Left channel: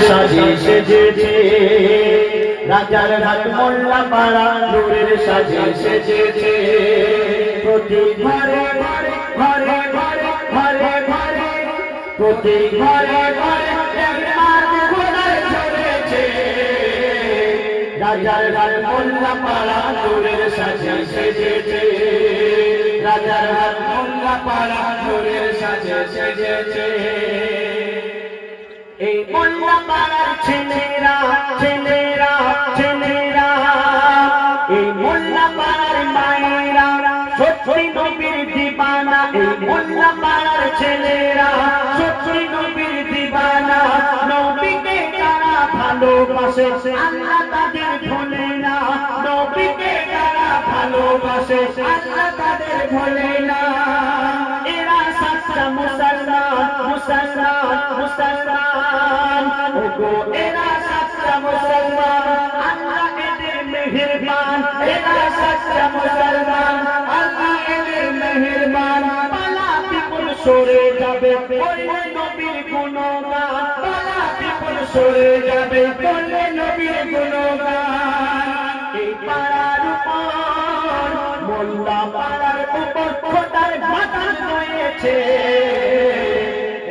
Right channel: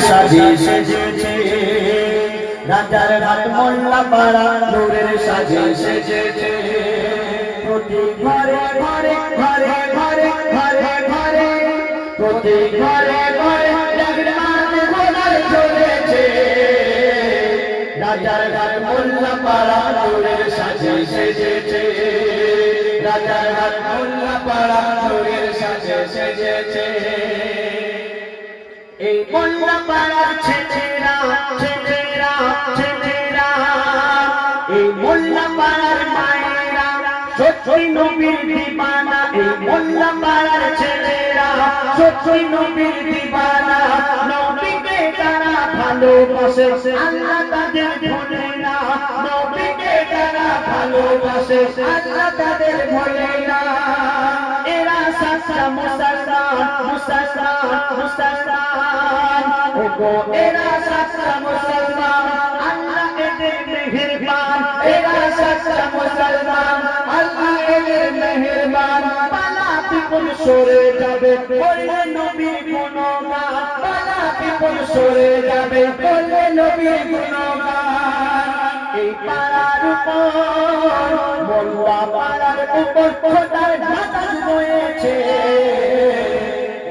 সাজে সেজেছে রাজার ঘাট মোল্লা পাড়া নূরের সাজে সেজেছে প্রতি ঘরে ঘরে ঘরে ঘরে ঘরে ঘরে প্রতি ঘরে ঘরে চলেছে রাজার ঘাট মোল্লা পাড়া নূরের সাজে সেজেছে রাজার ঘাট মোল্লা পাড়া নূরের সাজে সেজেছে এই মোল্লা পাড়ার ছেলেরা ছেলেরা ছেলেরা এই মোল্লা পাড়ার মায়েরা সত্যি নবীর দিবানা এই মোল্লা পাড়ার ছেলেরা সত্যি নবীর দিবানা নবীকে তারা ভালোবাসে আল্লাহ তাদের ভোলে না নবীকে তারা ভালোবাসে আল্লাহ তাদের ভোলে না এরা সাচ্চা মুসলমান মুসলমান মুসলমান ওগো এরা সাচ্চা মুসলমান আল্লাহ এদের মেহেরবান এরা সাচ্চা মুসলমান আল্লাহ এদের মেহেরবান পালাতে কোন সরে যাবে বললে নবীর গুণগান পালাতে কোন সরে যাবে বললে নবীর গুণগান এই পাড়ার উপর মোল্লা পাড়ার উপর খোদার বাতাস রয়েছে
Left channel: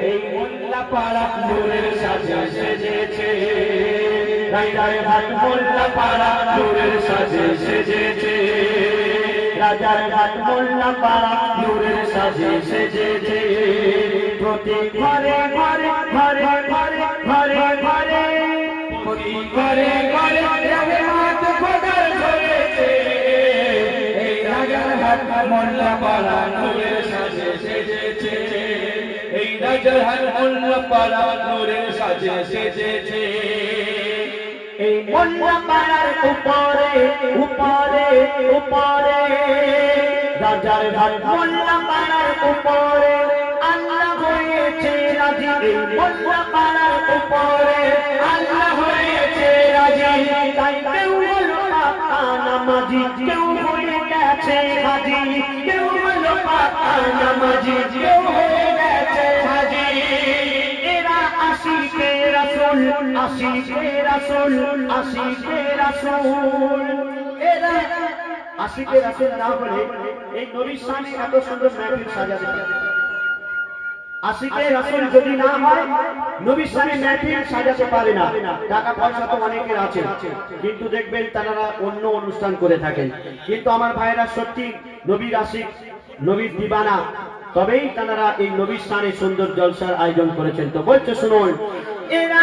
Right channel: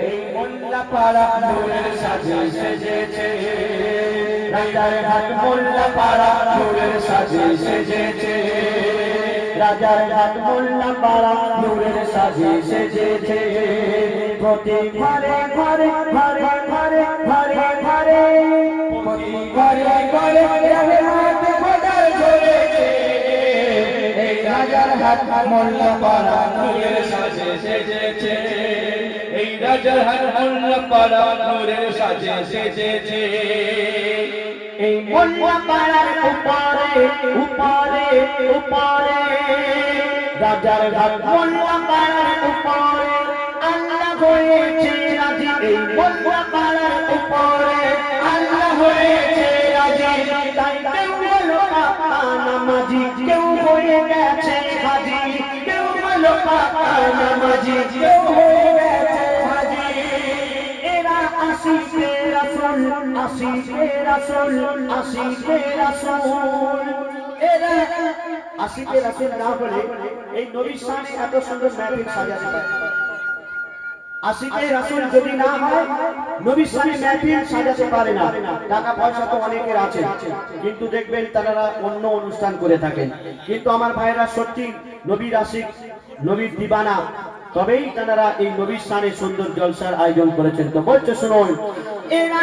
এই মোল্লা পাড়া নূরের সাজে সেজেছে রাজার ঘাট মোল্লা পাড়া নূরের সাজে সেজেছে রাজার ঘাট মোল্লা পাড়া নূরের সাজে সেজেছে প্রতি ঘরে ঘরে ঘরে ঘরে ঘরে ঘরে প্রতি ঘরে ঘরে রহমত খোদার ঝরেছে এই রাজার ঘাট মোল্লা পাড়া নূরের সাজে সেজেছে এই রাজার ঘাট মোল্লা পাড়া নূরের সাজে সেজেছে এই মোল্লা পাড়ার উপরে উপরে উপরে রাজার ঘাট মোল্লা পাড়ার উপরে আল্লাহ হয়েছে রাজি এই মোল্লা পাড়ার উপরে আল্লাহ হয়েছে রাজি তাই কেউ বলো পাকা নামাজি কেউ হয়ে গেছে হাজি কেউ বলো পাকা নামাজি কেউ হয়ে গেছে হাজি এরা আশিকে রাসূল আশিকে রাসূল আশিকে রাসূল এরা আশিকে রাসূল না বলে এই নবীর শানে এত সুন্দর মাহফিল সাজাতে পারে আশিকে রাসূল যদি না হয় নবীর শানে মাহফিল সাজাতে পারে না টাকা পয়সা তো অনেকের আছে কিন্তু দেখবেন তারা অন্য অনুষ্ঠান করে থাকেন কিন্তু আমার ভাইরা সত্যি নবীর আশিক নবীর দিবানা তবেই তারা এই নবীর শানে সুন্দর জলসার আয়োজন করেছেন তো বলছে শুনুন এরা